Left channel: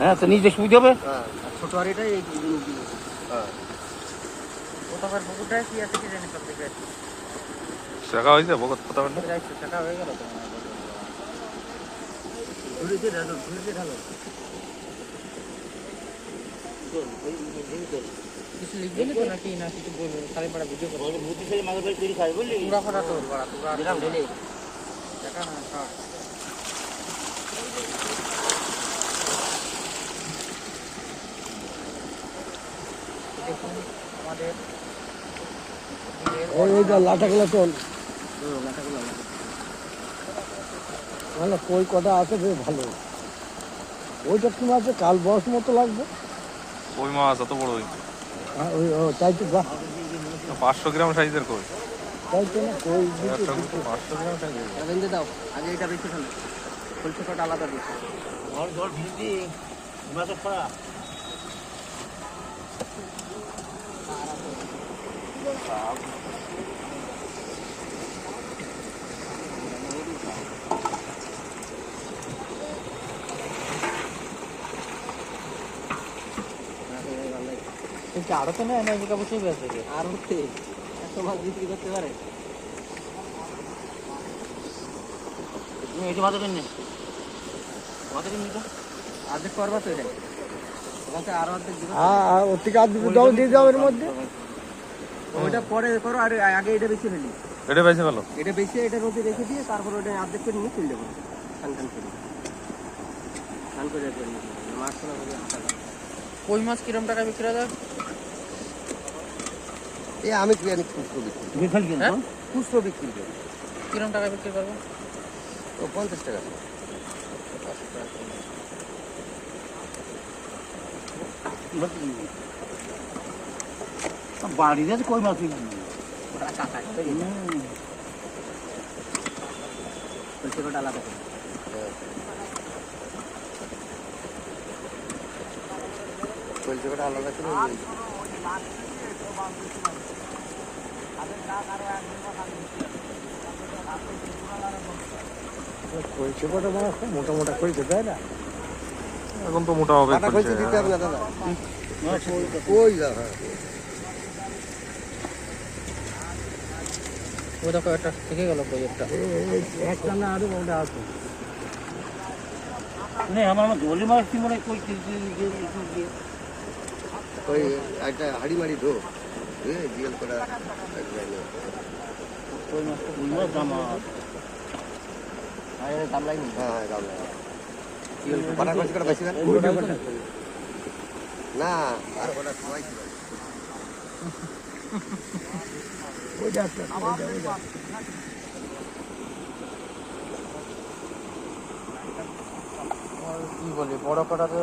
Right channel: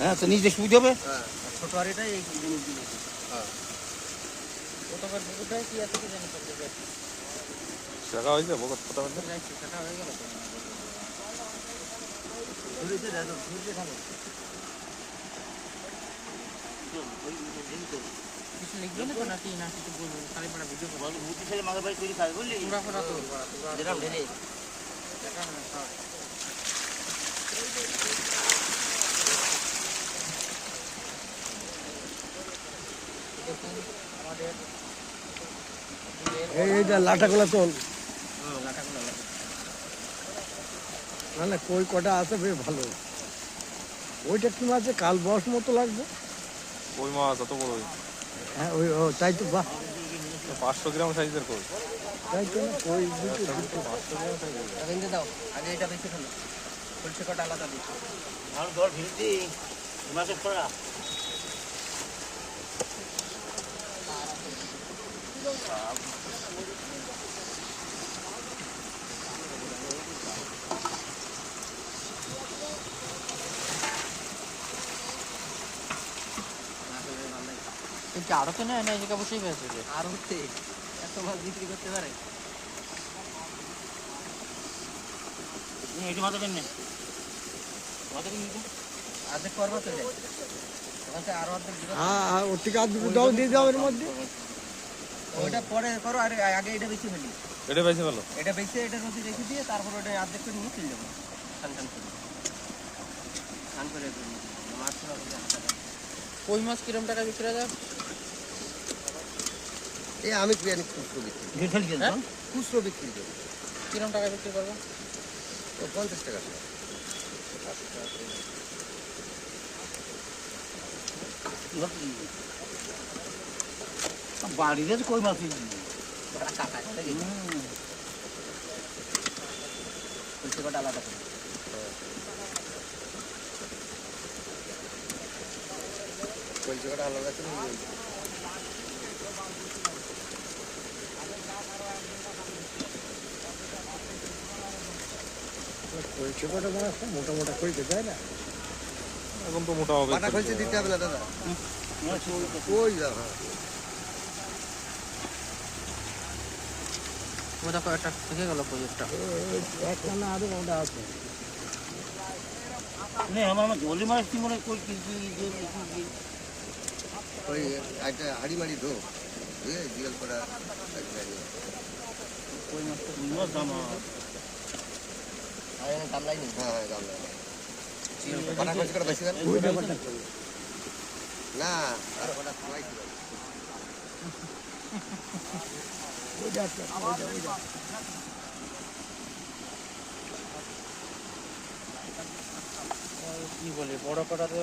হ্যাঁ, তো নিজ দেখে বুঝতে হবে। ছোট হাড়িটাই এই জিনিস দিল। কোথাকার পুকুরটায় কি আছে কি জানি সব থেকে শেখা হয়েছে বকত কথা বলতে সেটা হয়ে গেল তো ঝুড়িতে ঢালো, ঝুড়িতে ঢালো। কিছু লিখবে নাকি নাকি না কিছু বলবো খালি পড়া ভিডিও করবো বুদ্ধি ছেলে মাগের বাড়ি তৈরি খাবে বুঝলি? পুরা ফোটা তোর বড়া পুরা যেরকম ঢেলে। দেখা না শর্ট আমাদের এই যে লাটাগুলো তোল, মানে কই কটা আছে বেশ ভালো। ওইটা কি মাছ? কাল বস মতো লাগবে। কই মাছ এত বড় হ্যাঁ, তাই তো। বাহ, 500 গ্রাম সাইজের কই তাই তো না, কই একটা কিন্তু 500 গ্রাম সাইজের ভেঙে দাও, আগে এটা বেশি ঢালো। সরষে কটা আলাদা দিচ্ছি। জল ভেঙে দিই, মাছের ফোড়া। কিন্তু আরো তো নয় জায়গা বসেই বেঁচে আর হচ্ছে এত মাছ বিক্রি করতে পারে। এটি মাছের নিন, মাছের নিন তো আর্ধেক করবা তো এটাই। এখানে আর অর্ধেক দিবে। হ্যাঁ, ওর থেকে আর দুটো দাও দিয়ে দাও এর মধ্যে। ওইটা পরে করো, আর আগে এটা বেশি ফেলি। এটা বেশি ভালো। এটা বেশি এটা রোদে রেখে দিয়ে তারপর ওটা অর্ধেক করে নিয়ে চলে যাবো। টান টান করে টান করে মাছ কই মাছ কিরম টাকা বিক্রি হয়? এই আমি কি জানি খুচরো বিক্রি, হ্যাঁ? খুচরো বিক্রি করি। কিরম টাকা বিক্রি করবো? ও 50 টাকা। বাড়িতে কই মাছ আলাদা করে কলকাতা আলাদা করে কলকাতা মাছ মোটা মোটা কই দেয় না। এখন তো মোটা হবে কলকাতা দিতে হবে না দাদা। কই দাদা, ও দেখো একটা থেকে গেল কই একটা একটা না আরো মোটা আছে। আমার জলি মাছ কি মনে কই ওই একটা হাড়ি মাড়ি ধো, জিয়াল করা গামলাই নেই। হ্যাঁ হ্যাঁ গামলা জিয়াল করা মাছ করা বেশি না না, আর কটা সবাই ছিল। কি বলি বড় কটাতে